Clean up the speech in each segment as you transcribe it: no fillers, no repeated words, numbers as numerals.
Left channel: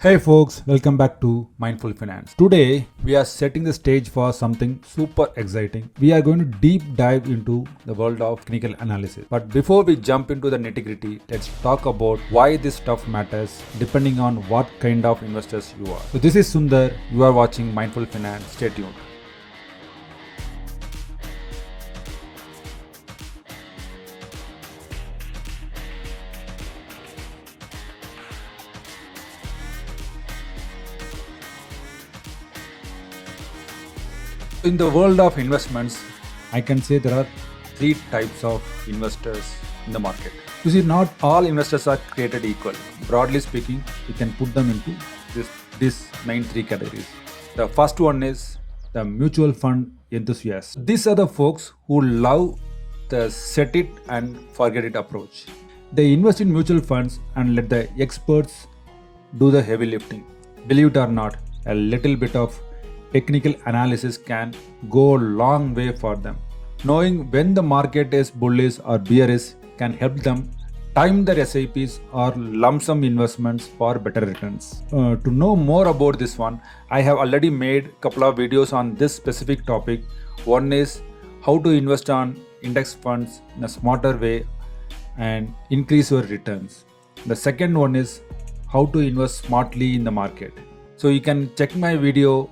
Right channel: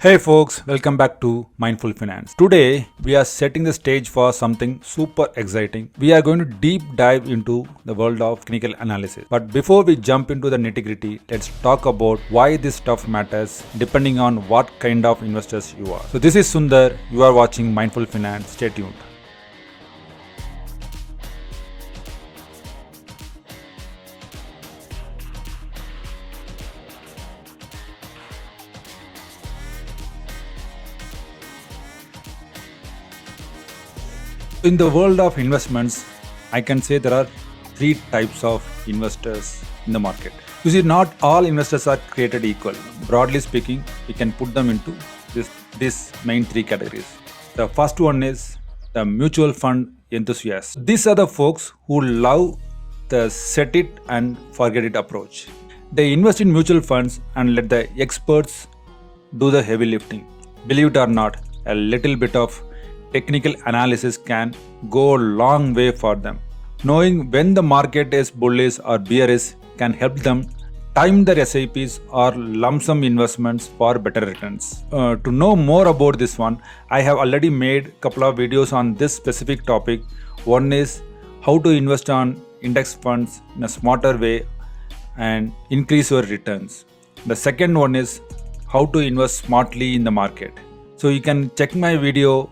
Hey folks, welcome back to Mindful Finance. Today we are setting the stage for something super exciting. We are going to deep dive into the world of technical analysis. But before we jump into the nitty-gritty, let's talk about why this stuff matters depending on what kind of investors you are. So this is Sundar, you are watching Mindful Finance. Stay tuned. In the world of investments, I can say there are three types of investors in the market. You see, not all investors are created equal. Broadly speaking, we can put them into these main three categories. The first one is the mutual fund enthusiasts. These are the folks who love the set it and forget it approach. They invest in mutual funds and let the experts do the heavy lifting. Believe it or not, a little bit of technical analysis can go a long way for them. Knowing when the market is bullish or bearish can help them time their SIPs or lump sum investments for better returns. To know more about this one, I have already made a couple of videos on this specific topic. One is how to invest on index funds in a smarter way and increase your returns. The second one is how to invest smartly in the market. So you can check my video,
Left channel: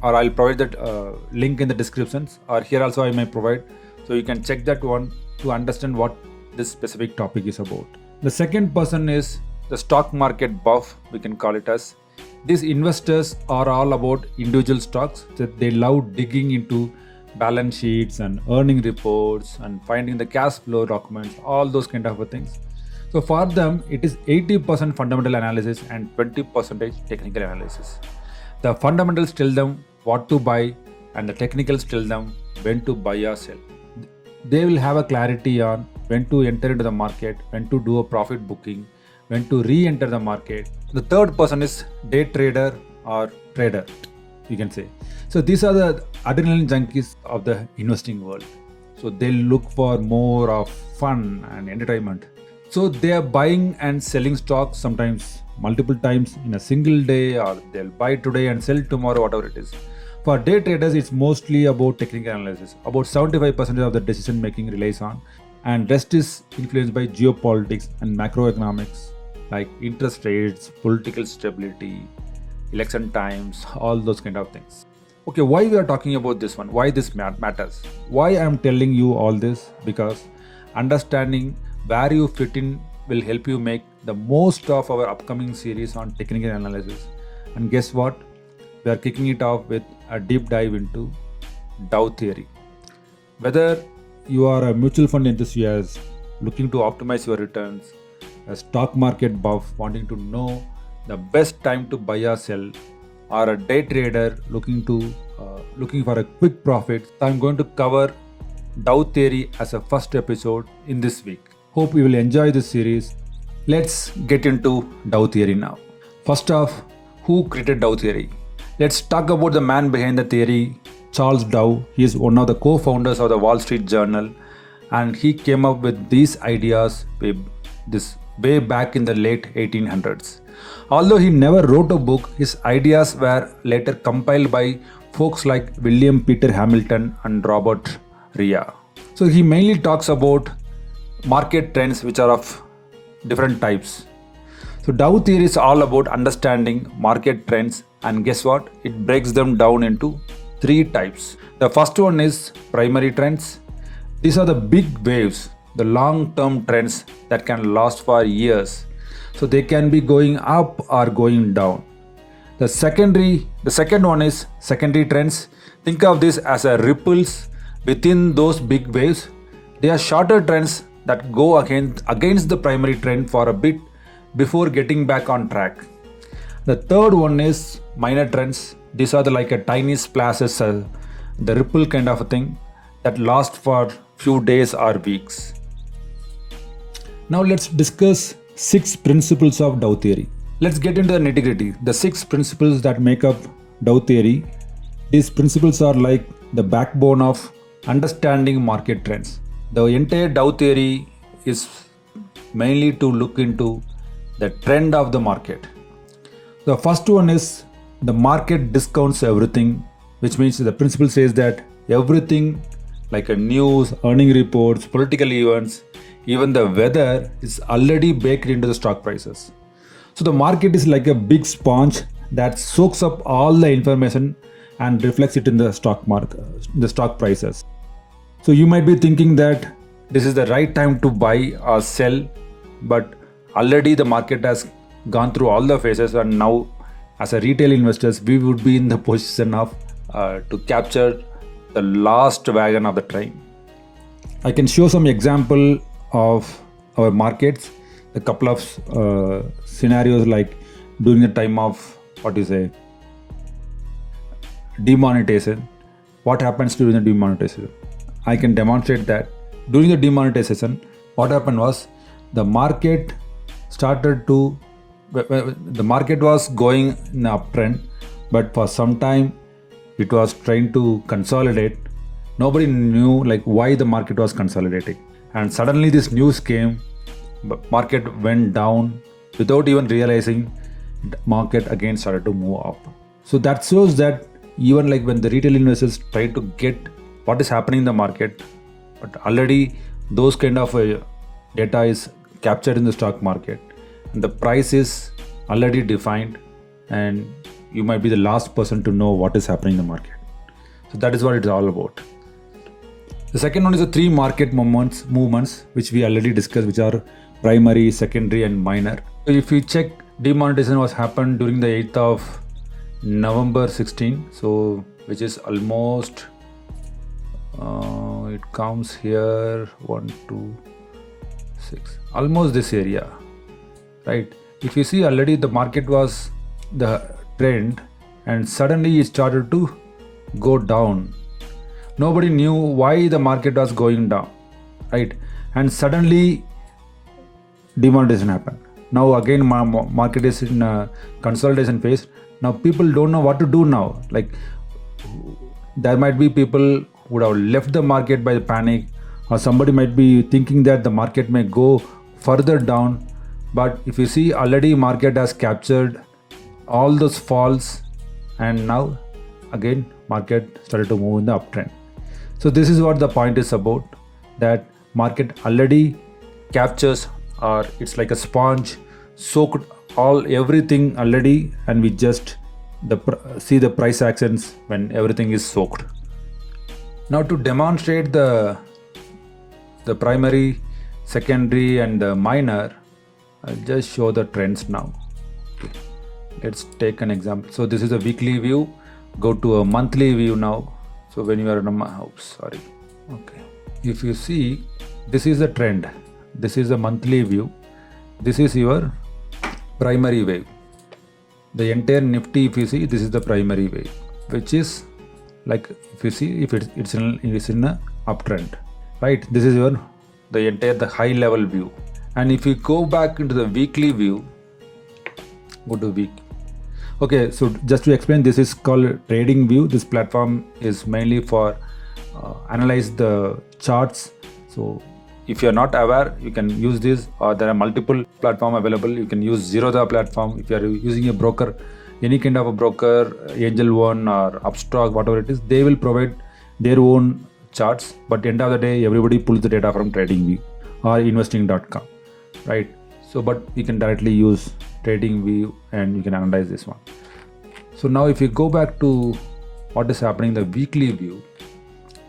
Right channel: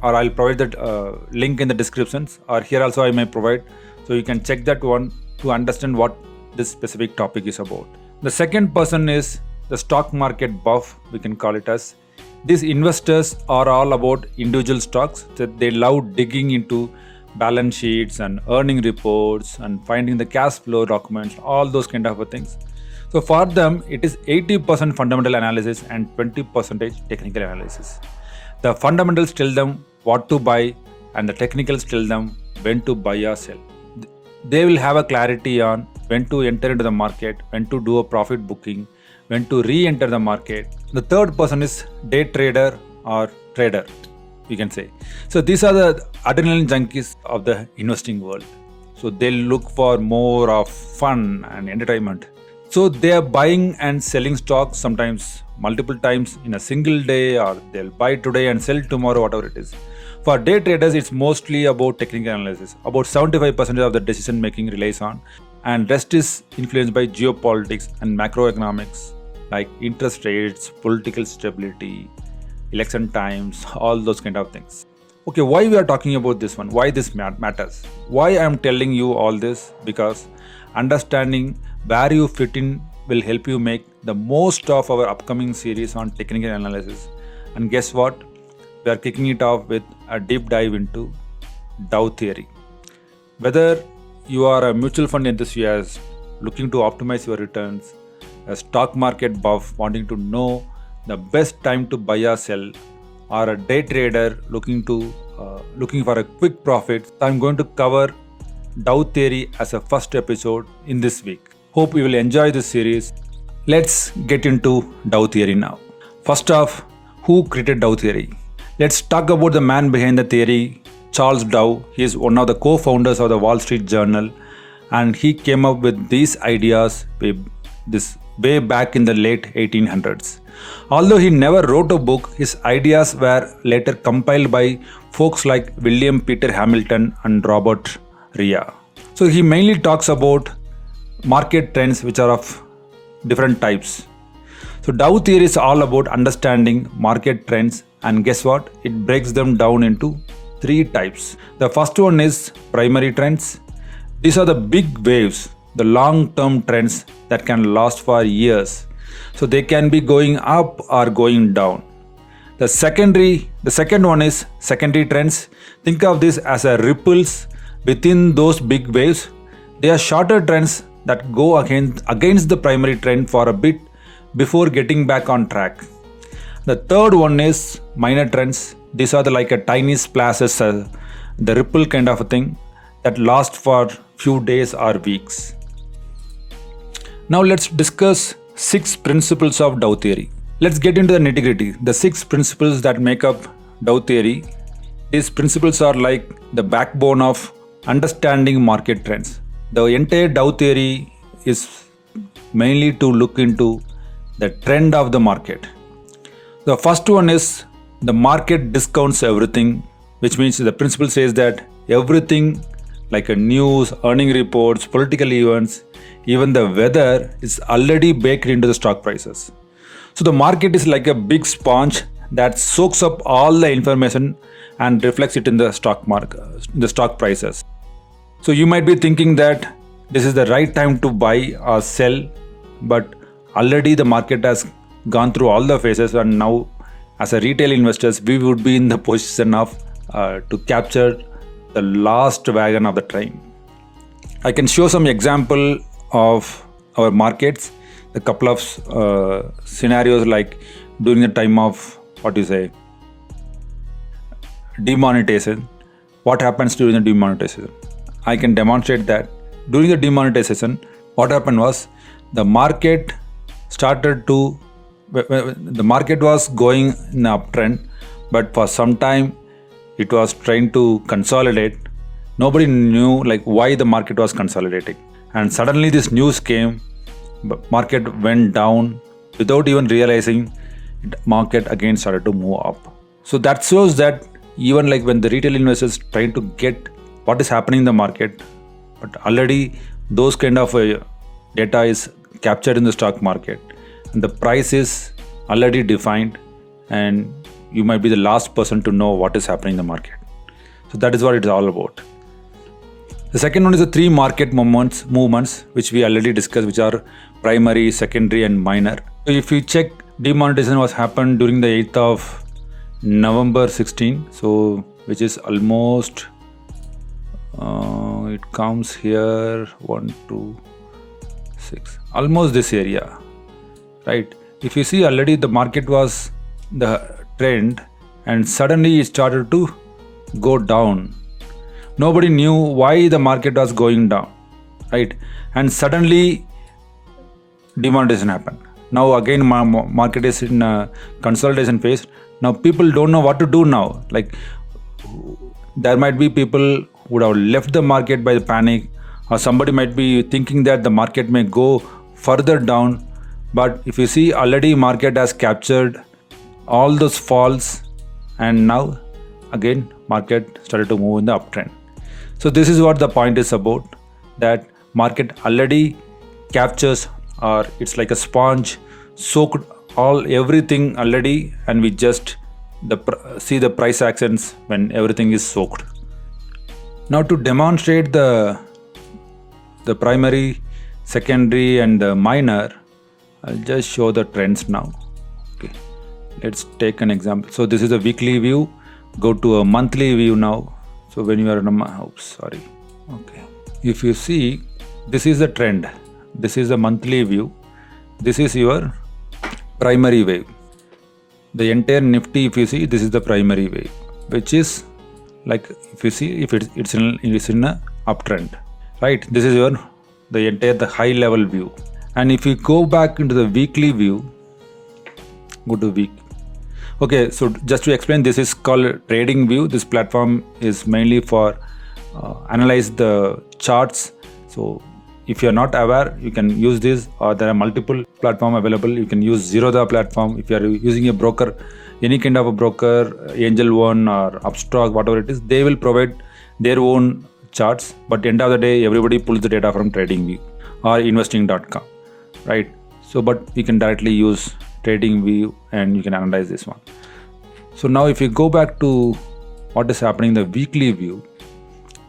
or I'll provide that link in the descriptions, or here also I may provide, so you can check that one to understand what this specific topic is about. The second person is the stock market buff, we can call it as. These investors are all about individual stocks, that they love digging into balance sheets and earning reports and finding the cash flow documents, all those kind of things. So for them, it is 80% fundamental analysis and 20% technical analysis. The fundamentals tell them what to buy and the technicals tell them when to buy or sell. They will have a clarity on when to enter into the market, when to do a profit booking, when to re-enter the market. The third person is day trader or trader, you can say. So these are the adrenaline junkies of the investing world. So they look for more of fun and entertainment. So they are buying and selling stocks sometimes multiple times in a single day, or they'll buy today and sell tomorrow, whatever it is. For day traders, it's mostly about technical analysis. About 75% of the decision making relies on, and rest is influenced by geopolitics and macroeconomics like interest rates, political stability, election times, all those kind of things. Okay, why we are talking about this one? Why this matters? Why I am telling you all this? Because understanding where you fit in will help you make the most of our upcoming series on technical analysis. And guess what? We are kicking it off with a deep dive into Dow Theory. Whether you are a mutual fund enthusiast looking to optimize your returns, a stock market buff wanting to know the best time to buy or sell, or a day trader looking for a quick profit, I'm going to cover Dow Theory as a first episode in this week. Hope you will enjoy this series. Let's get into Dow Theory now. First off, who created Dow Theory? Let's talk about the man behind the theory, Charles Dow. He is one of the co-founders of the Wall Street Journal, and he came up with these ideas way back in the late 1800s. Although he never wrote a book, his ideas were later compiled by folks like William Peter Hamilton and Robert Rea. So he mainly talks about market trends which are of different types. So Dow Theory is all about understanding market trends, and guess what? It breaks them down into three types. The first one is primary trends. These are the big waves, the long-term trends that can last for years. So they can be going up or going down. The second one is secondary trends. Think of this as a ripples within those big waves. They are shorter trends that go against the primary trend for a bit before getting back on track. The third one is minor trends. These are like a tiny splashes, the ripple kind of a thing that last for few days or weeks. Now let's discuss 6 principles of Dow Theory. Let's get into the nitty-gritty. The 6 principles that make up Dow Theory. These principles are like the backbone of understanding market trends. The entire Dow Theory is mainly to look into the trend of the market. The first one is the market discounts everything, which means the principle says that everything like a news, earning reports, political events, even the weather is already baked into the stock prices. So the market is like a big sponge that soaks up all the information and reflects it in the stock market, the stock prices. So you might be thinking that this is the right time to buy or sell, but already the market has gone through all the phases, and now as a retail investors we would be in the position of to capture the last wagon of the train. I can show some example of our markets, a couple of scenarios like during the time of demonetization. What happens during the demonetization? I can demonstrate that during the demonetization, what happened was the market was going in the uptrend, but for some time it was trying to consolidate. Nobody knew like why the market was consolidating, and suddenly this news came. Market went down without even realizing. Market again started to move up. So that shows that even like when the retail investors try to get what is happening in the market, but already those kind of data is captured in the stock market, and the price is already defined, and you might be the last person to know what is happening in the market. So that is what it's all about. The second one is the three market movements which we already discussed, which are primary, secondary and minor. So if you check, demonetization was happened during the 8th of November 16, so which is almost it comes here 1 2 6, almost this area, right? If you see, already the market was the trend and suddenly it started to go down. Nobody knew why the market was going down, right? And suddenly demonetization happened. Now again market is in a consolidation phase. Now people don't know what to do now. Like there might be people who would have left the market by the panic, or somebody might be thinking that the market may go further down. But if you see, already market has captured all those falls, and now again market started to move in the uptrend. So this is what the point is about, that market already captures, or it's like a sponge, soaked everything already, and we just see the price actions when everything is soaked. Now to demonstrate the primary, secondary and the minor, I'll just show the trends now. Okay. Let's take an example. So this is a weekly view. Go to a monthly view now. So when you are in okay. If you see, this is the trend. This is the monthly view. This is your primary wave. The entire Nifty, if you see, this is the primary wave, which is like, if you see, if it's in a uptrend, right? This is the high level view. And if you go back into the weekly view, go to week. Okay, so just to explain, this is called trading view. This platform is mainly for analyze the charts. So if you are not aware, you can use this, or there are multiple platforms available. You can use Zerodha platform. If you are using a broker, any kind of a broker, Angel One or Upstock, whatever it is, they will provide their own charts. But at the end of the day, everybody pulls the data from TradingView or investing.com, right? So, but you can directly use TradingView and you can analyze this one. So now if you go back to what is happening in the weekly view,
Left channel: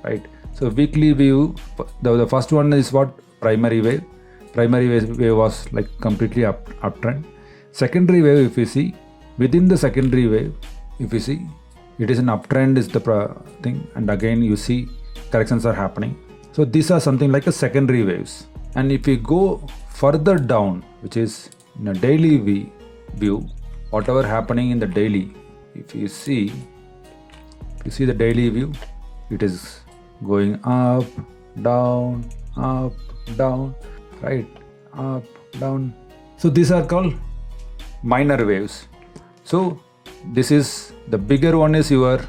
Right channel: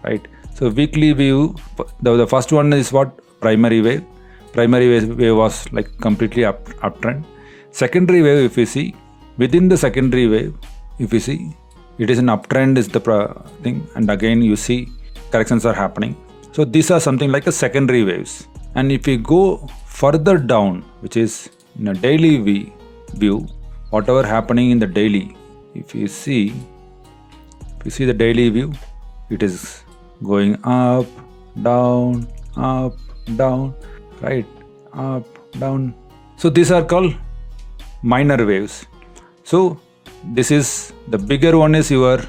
right? So weekly view, the first one is what? Primary wave. Primary wave was like completely uptrend. Secondary wave, if you see, within the secondary wave, if you see, it is an uptrend is the thing, and again you see corrections are happening. So these are something like a secondary waves. And if you go further down, which is in a daily view, whatever happening in the daily, if you see the daily view, it is going up, down, right? Up, down. So these are called minor waves. So this is the bigger one is your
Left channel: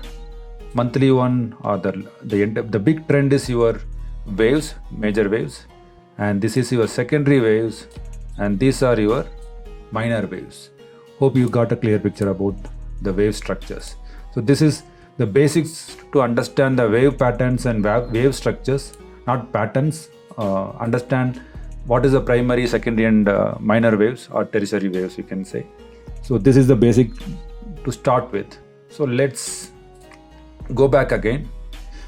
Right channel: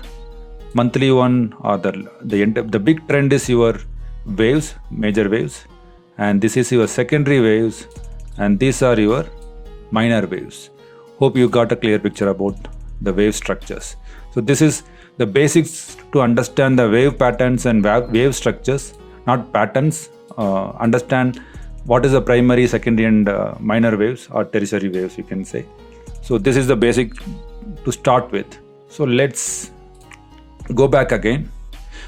monthly one, or the big trend is your waves, major waves, and this is your secondary waves, and these are your minor waves. Hope you got a clear picture about the wave structures. So this is the basics to understand the wave patterns and wave structures, not patterns. Understand what is the primary, secondary and minor waves or tertiary waves, you can say. So this is the basic to start with. So let's go back again.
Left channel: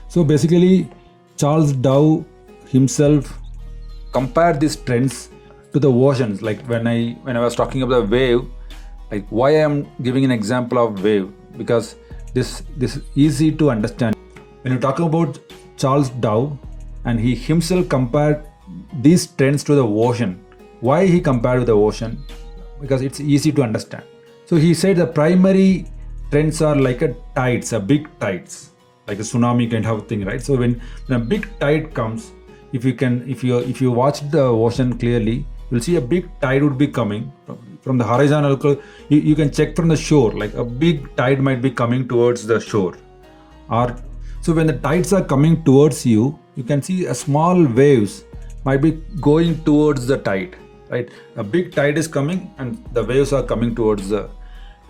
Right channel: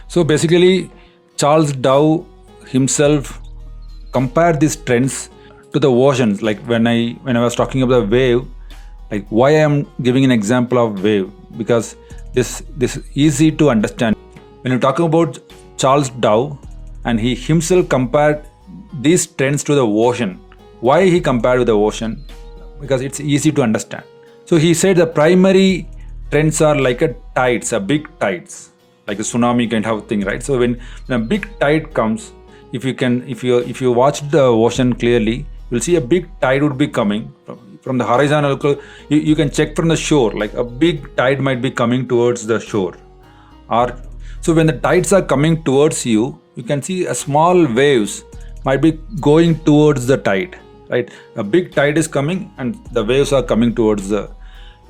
So basically Charles Dow himself compared these trends to the oceans. Like when I was talking about the wave, like why I am giving an example of wave, because this is easy to understand. When you talk about Charles Dow and he himself compared these trends to the ocean. Why he compared with the ocean? Because it's easy to understand. So he said the primary trends are like a tides, a big tides, like a tsunami kind of thing, right? So when a big tide comes, if you watch the ocean clearly, you'll see a big tide would be coming from the horizontal. You can check from the shore, like a big tide might be coming towards the shore. Or so when the tides are coming towards you, you can see a small waves might be going towards the tide, right? A big tide is coming and the waves are coming towards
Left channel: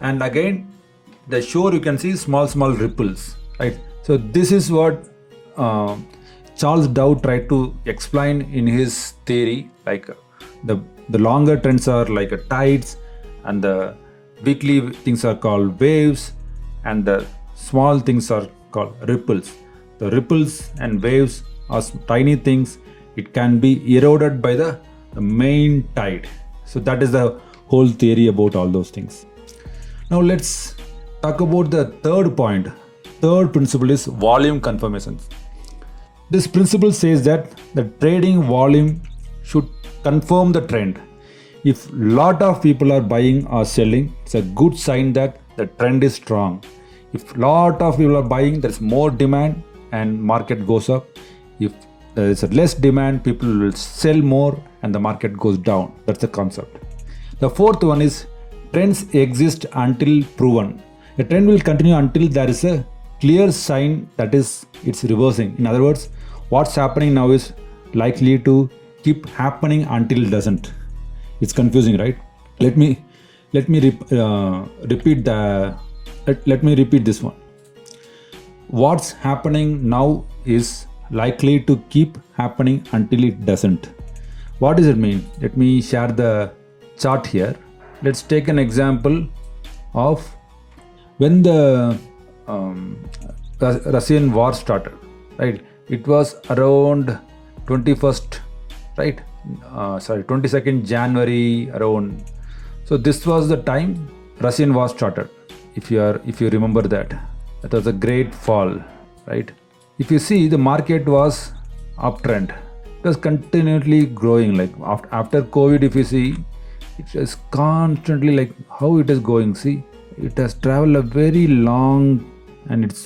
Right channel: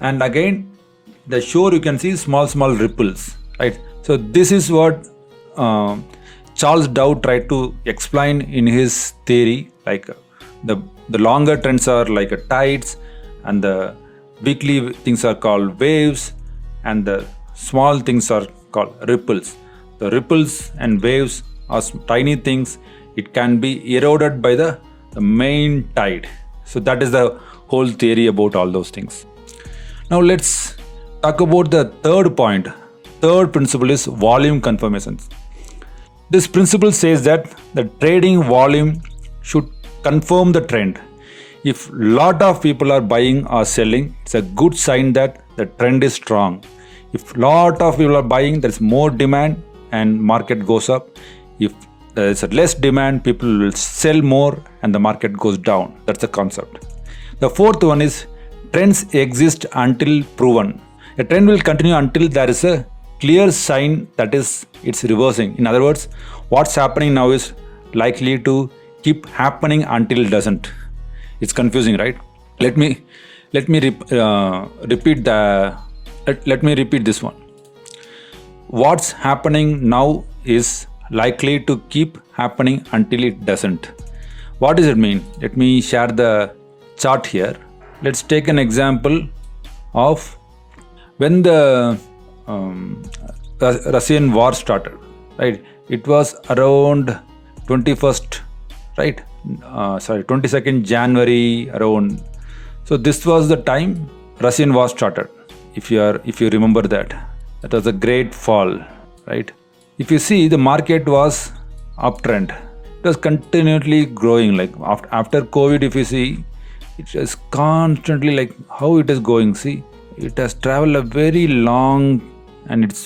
and again the shore you can see small ripples, right? So this is what Charles Dow tried to explain in his theory, like the longer trends are like tides and the weekly things are called waves and the small things are called ripples. The ripples and waves are tiny things. It can be eroded by the main tide. So that is the whole theory about all those things. Now let's talk about the third point. Third principle is volume confirmations. This principle says that the trading volume should confirm the trend. If lot of people are buying or selling, it's a good sign that the trend is strong. If lot of people are buying, there's more demand and market goes up. If there is less demand, people will sell more and the market goes down. That's the concept. The fourth one is trends exist until proven. A trend will continue until there is a clear sign that is it's reversing. In other words, what's happening now is likely to keep happening until it doesn't. It's confusing, right? Let me repeat this one. What's happening now is likely to keep happening until it doesn't. What does it mean? Let me share the chart here. Let's take an example of when the Russian war started, right? It was around 22nd January around. So this was the time Russian war started. If you remember that was a great fall, right? If you see, the market was uptrend. It was continually growing. Like after COVID, if you see, it is constantly like how it is going. See, it has traveled a very long, and it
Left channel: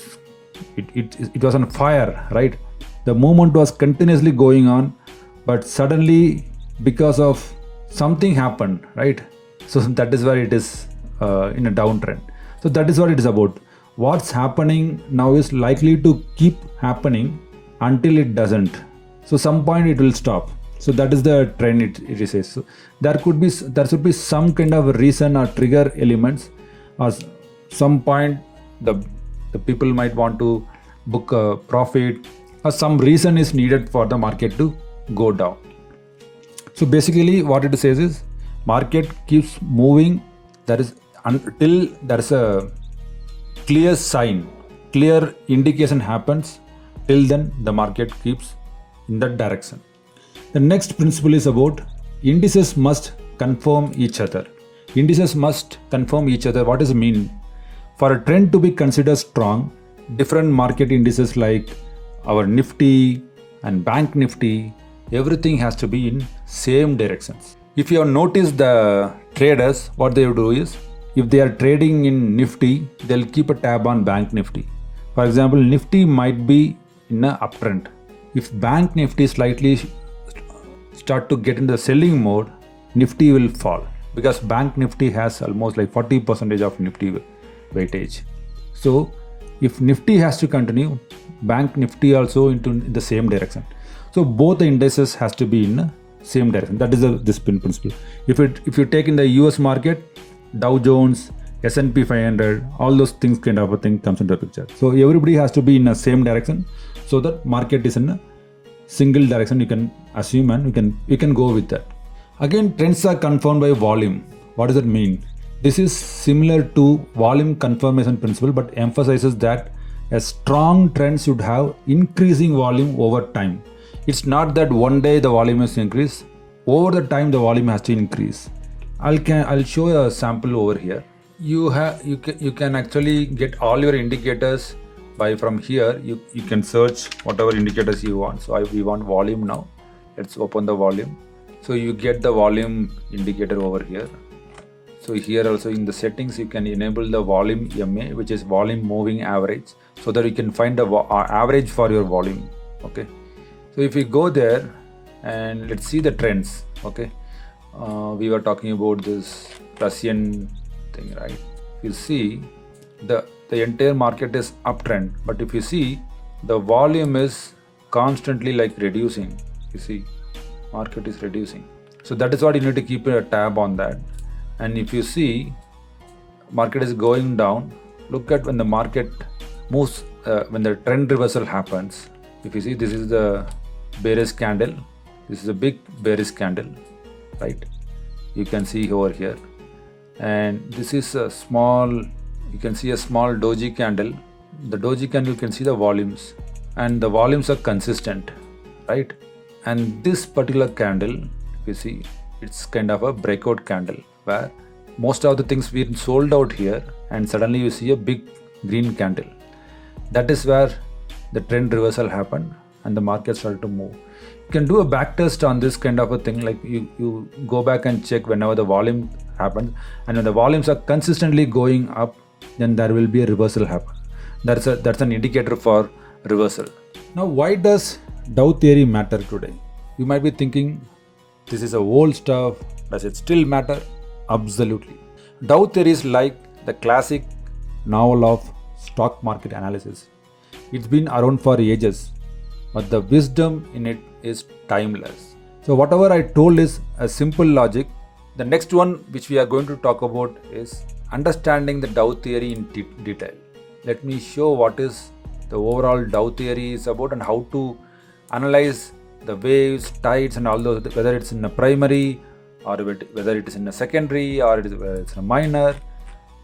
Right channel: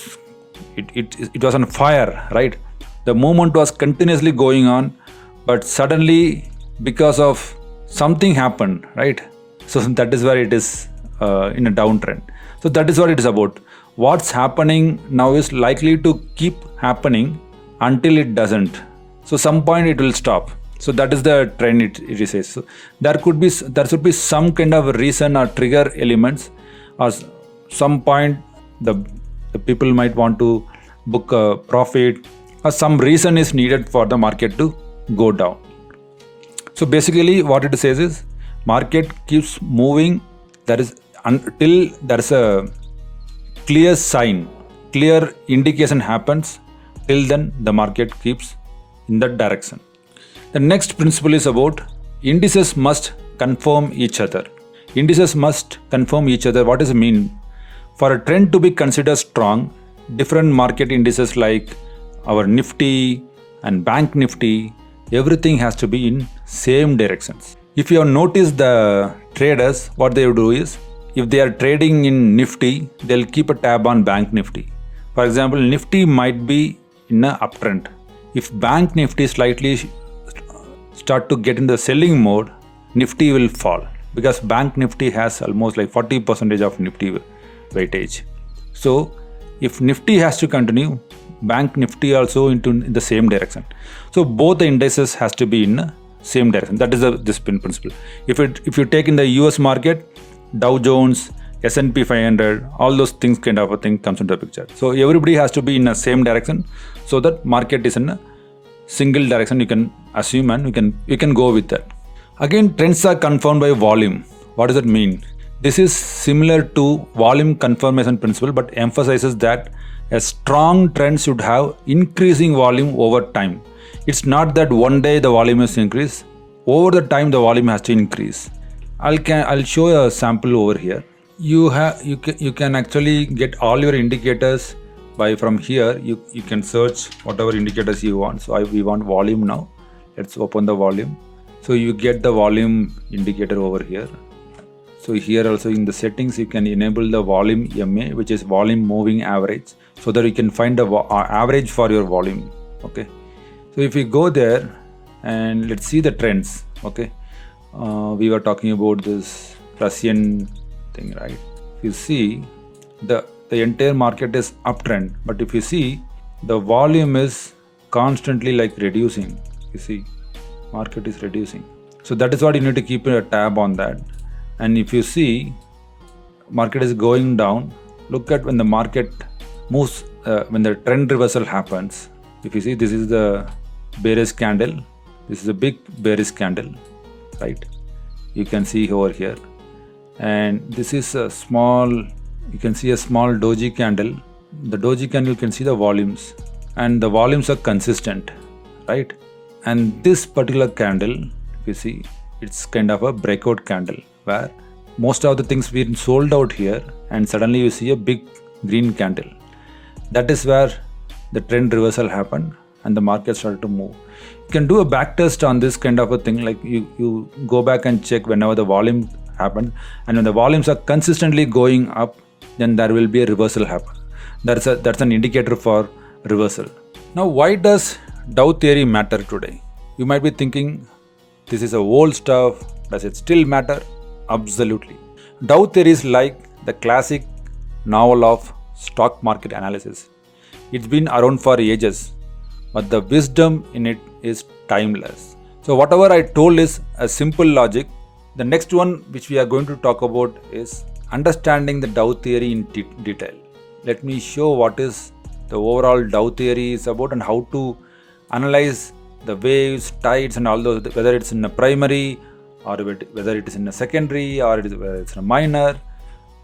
was on fire, right? The movement was continuously going on, but suddenly because of something happened, right? So that is where it is in a downtrend. So that is what it is about. What's happening now is likely to keep happening until it doesn't. So some point it will stop. So that is the trend it says. So there should be some kind of reason or trigger elements, or some point the people might want to book a profit, or some reason is needed for the market to go down. So basically what it says is market keeps moving. That is until there is a clear sign, clear indication happens. Till then the market keeps in that direction. The next principle is about indices must confirm each other. Indices must confirm each other. What does it mean? For a trend to be considered strong, different market indices like our Nifty and Bank Nifty, everything has to be in same directions. If you have noticed the traders, what they do is, if they are trading in Nifty, they'll keep a tab on Bank Nifty. For example, Nifty might be in an uptrend. If Bank Nifty slightly start to get in the selling mode, Nifty will fall, because Bank Nifty has almost like 40% of Nifty weightage. So if Nifty has to continue, Bank Nifty also in the same direction. So both the indices has to be in the same direction. That is this principle. If you take in the US market, Dow Jones, S&P 500, all those things kind of a thing comes into the picture. So everybody has to be in the same direction so that market is in a single direction. You can assume and you can go with that. Again, trends are confirmed by volume. What does that mean? This is similar to volume confirmation principle, but emphasizes that a strong trend should have increasing volume over time. It's not that one day the volume has increased. Over the time the volume has to increase. I'll show a sample over here. You can actually get all your indicators from here. You can search whatever indicators you want. So we want volume now. Let's open the volume. So you get the volume indicator over here. So here also in the settings you can enable the volume MA, which is volume moving average, so that you can find the average for your volume. Okay. So if we go there and let's see the trends. Okay. We were talking about this Russian thing, right? If you see the entire market is uptrend, but if you see the volume is constantly like reducing. You see, market is reducing. So that is what you need to keep a tab on that. And if you see market is going down, look at when the market moves, when the trend reversal happens. If you see, this is the bearish candle. This is a big bearish candle, right? You can see over here. And this is a small, you can see a small doji candle. The doji candle, you can see the volumes, and the volumes are consistent, right? And this particular candle, if you see, it's kind of a breakout candle where most of the things been sold out here, and suddenly you see a big green candle. That is where the trend reversal happened and the market started to move. You can do a back test on this kind of a thing, like you go back and check whenever the volume happened, and when the volumes are consistently going up, then there will be a reversal happen. That's an indicator for reversal. Now, why does Dow theory matter today? You might be thinking, this is a old stuff. Does it still matter? Absolutely. Dow theory is like the classic novel of stock market analysis. It's been around for ages, but the wisdom in it is timeless. So whatever I told is a simple logic. The next one which we are going to talk about is understanding the Dow theory in detail. Let me show what is the overall Dow theory is about and how to analyze the waves, tides and all those, whether it's in a primary or whether it is in a secondary or whether it's in a minor.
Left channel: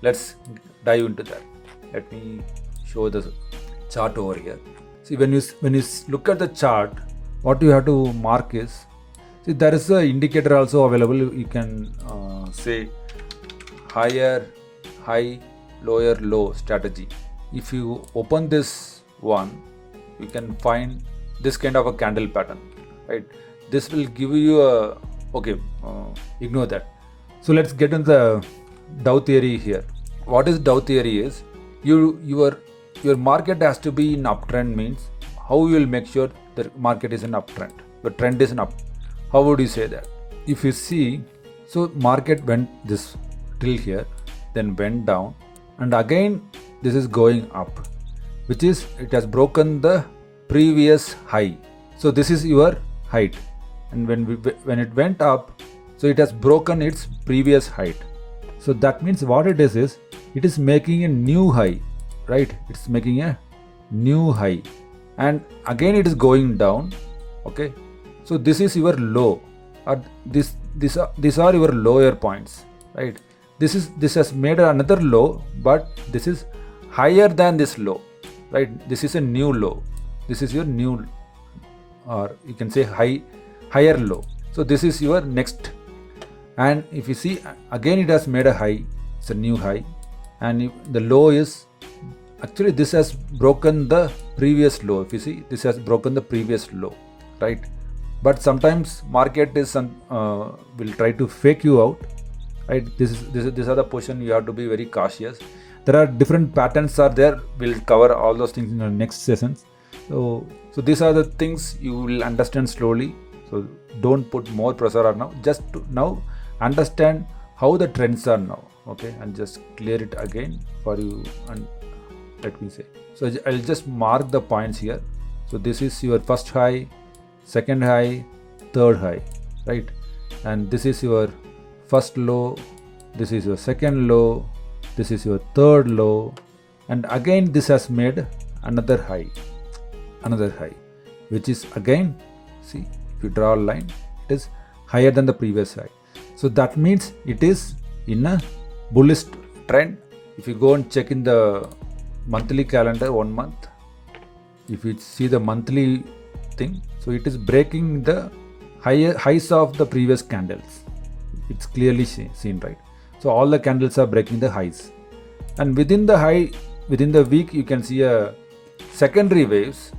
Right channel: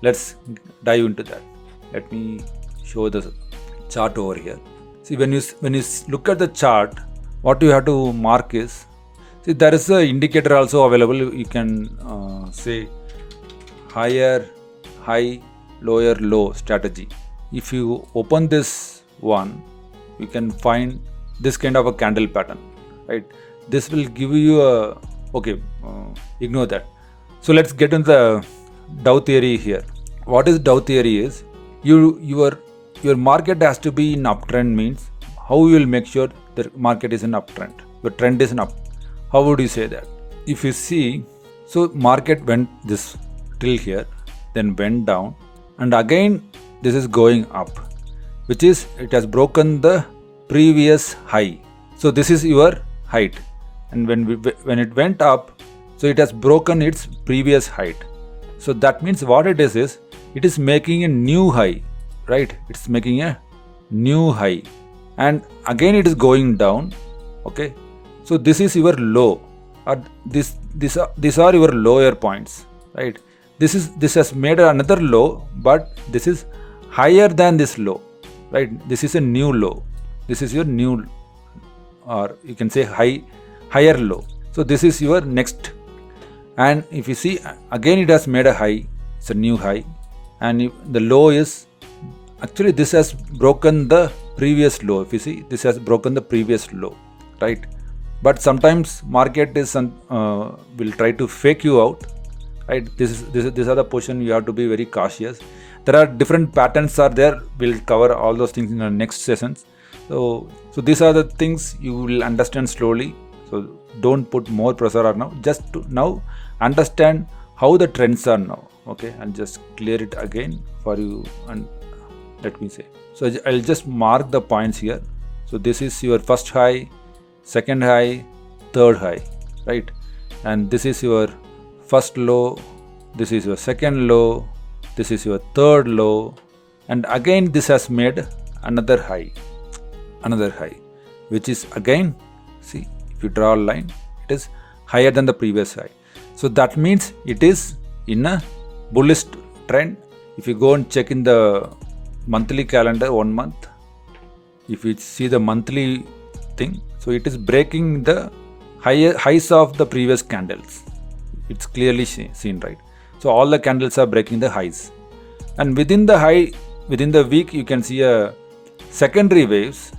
Let's dive into that. Let me show the chart over here. See, when you look at the chart, what you have to mark is, see, there is an indicator also available. You can say higher, high, lower, low strategy. If you open this one, you can find this kind of a candle pattern, right? This will give you a, okay, ignore that. So let's get into the Dow theory here. What is Dow theory is, your market has to be in uptrend, means how you will make sure the market is in uptrend. The trend is in up. How would you say that? If you see, so market went this till here, then went down, and again this is going up, which is it has broken the previous high. So this is your height, and when it went up, so it has broken its previous height. So that means what it is it is making a new high, right? It's making a new high, and again it is going down. Okay, so this is your low, or these are your lower points, right? This has made another low, but this is higher than this low, right? This is a new low. This is your new, or you can say higher low. So this is your next, and if you see again it has made a high. It's a new high, and the low is actually this has broken the previous low. If you see, this has broken the previous low, right? But sometimes market is will try to fake you out, right? These are the position you have to be very cautious. There are different patterns are there. We'll cover all those things in the next sessions. So these are the things you will understand slowly. So don't put more pressure on now. Just to now understand how the trends are now. Okay, I'll just clear it again for you, and let me say. So I'll just mark the points here. So this is your first high, second high, third high, right? And this is your first low, this is your second low, this is your third low, and again this has made another high, which is again, see, if you draw a line, it is higher than the previous high. So that means it is in a bullish trend. If you go and check in the monthly calendar, 1 month, if you see the monthly thing, so it is breaking the highs of the previous candles. It's clearly seen, right? So all the candles are breaking the highs, and within the week you can see a secondary waves,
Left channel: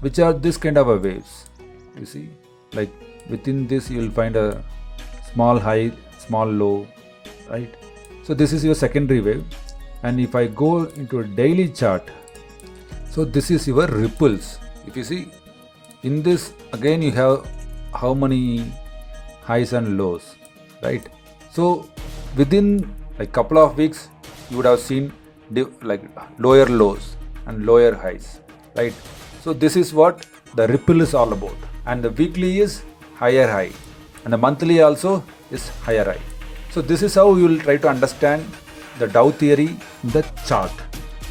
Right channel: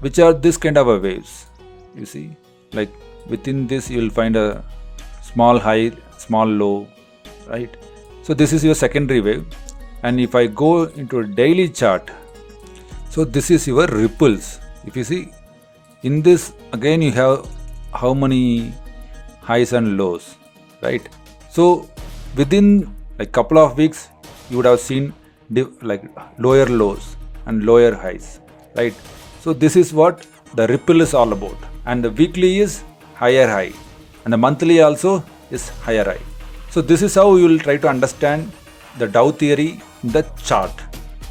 which are this kind of a waves. You see, like within this you will find a small high, small low, right? So this is your secondary wave. And if I go into a daily chart, so this is your ripples. If you see in this, again you have how many highs and lows, right? So within like couple of weeks you would have seen like lower lows and lower highs, right? So this is what the ripple is all about. And the weekly is higher high, and the monthly also is higher high. So this is how you will try to understand the Dow theory in the chart.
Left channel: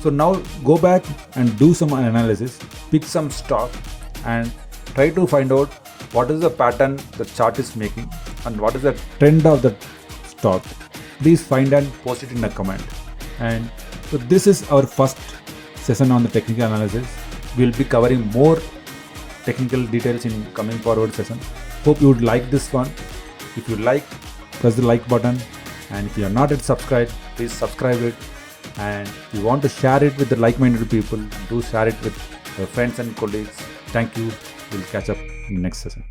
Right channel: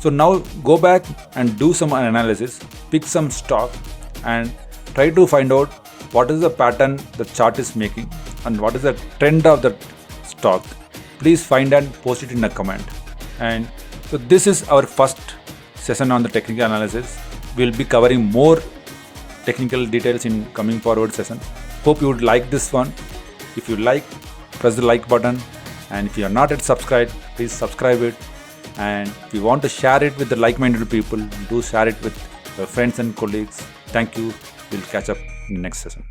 So now go back and do some analysis, pick some stock and try to find out what is the pattern the chart is making and what is the trend of the stock. Please find and post it in a comment. And so this is our first session on the technical analysis. We'll be covering more technical details in coming forward session. Hope you would like this one. If you like, press the like button, and if you are not yet subscribed, please subscribe it. And if you want to share it with the like-minded people, do share it with your friends and colleagues. Thank you. We'll catch up in the next session.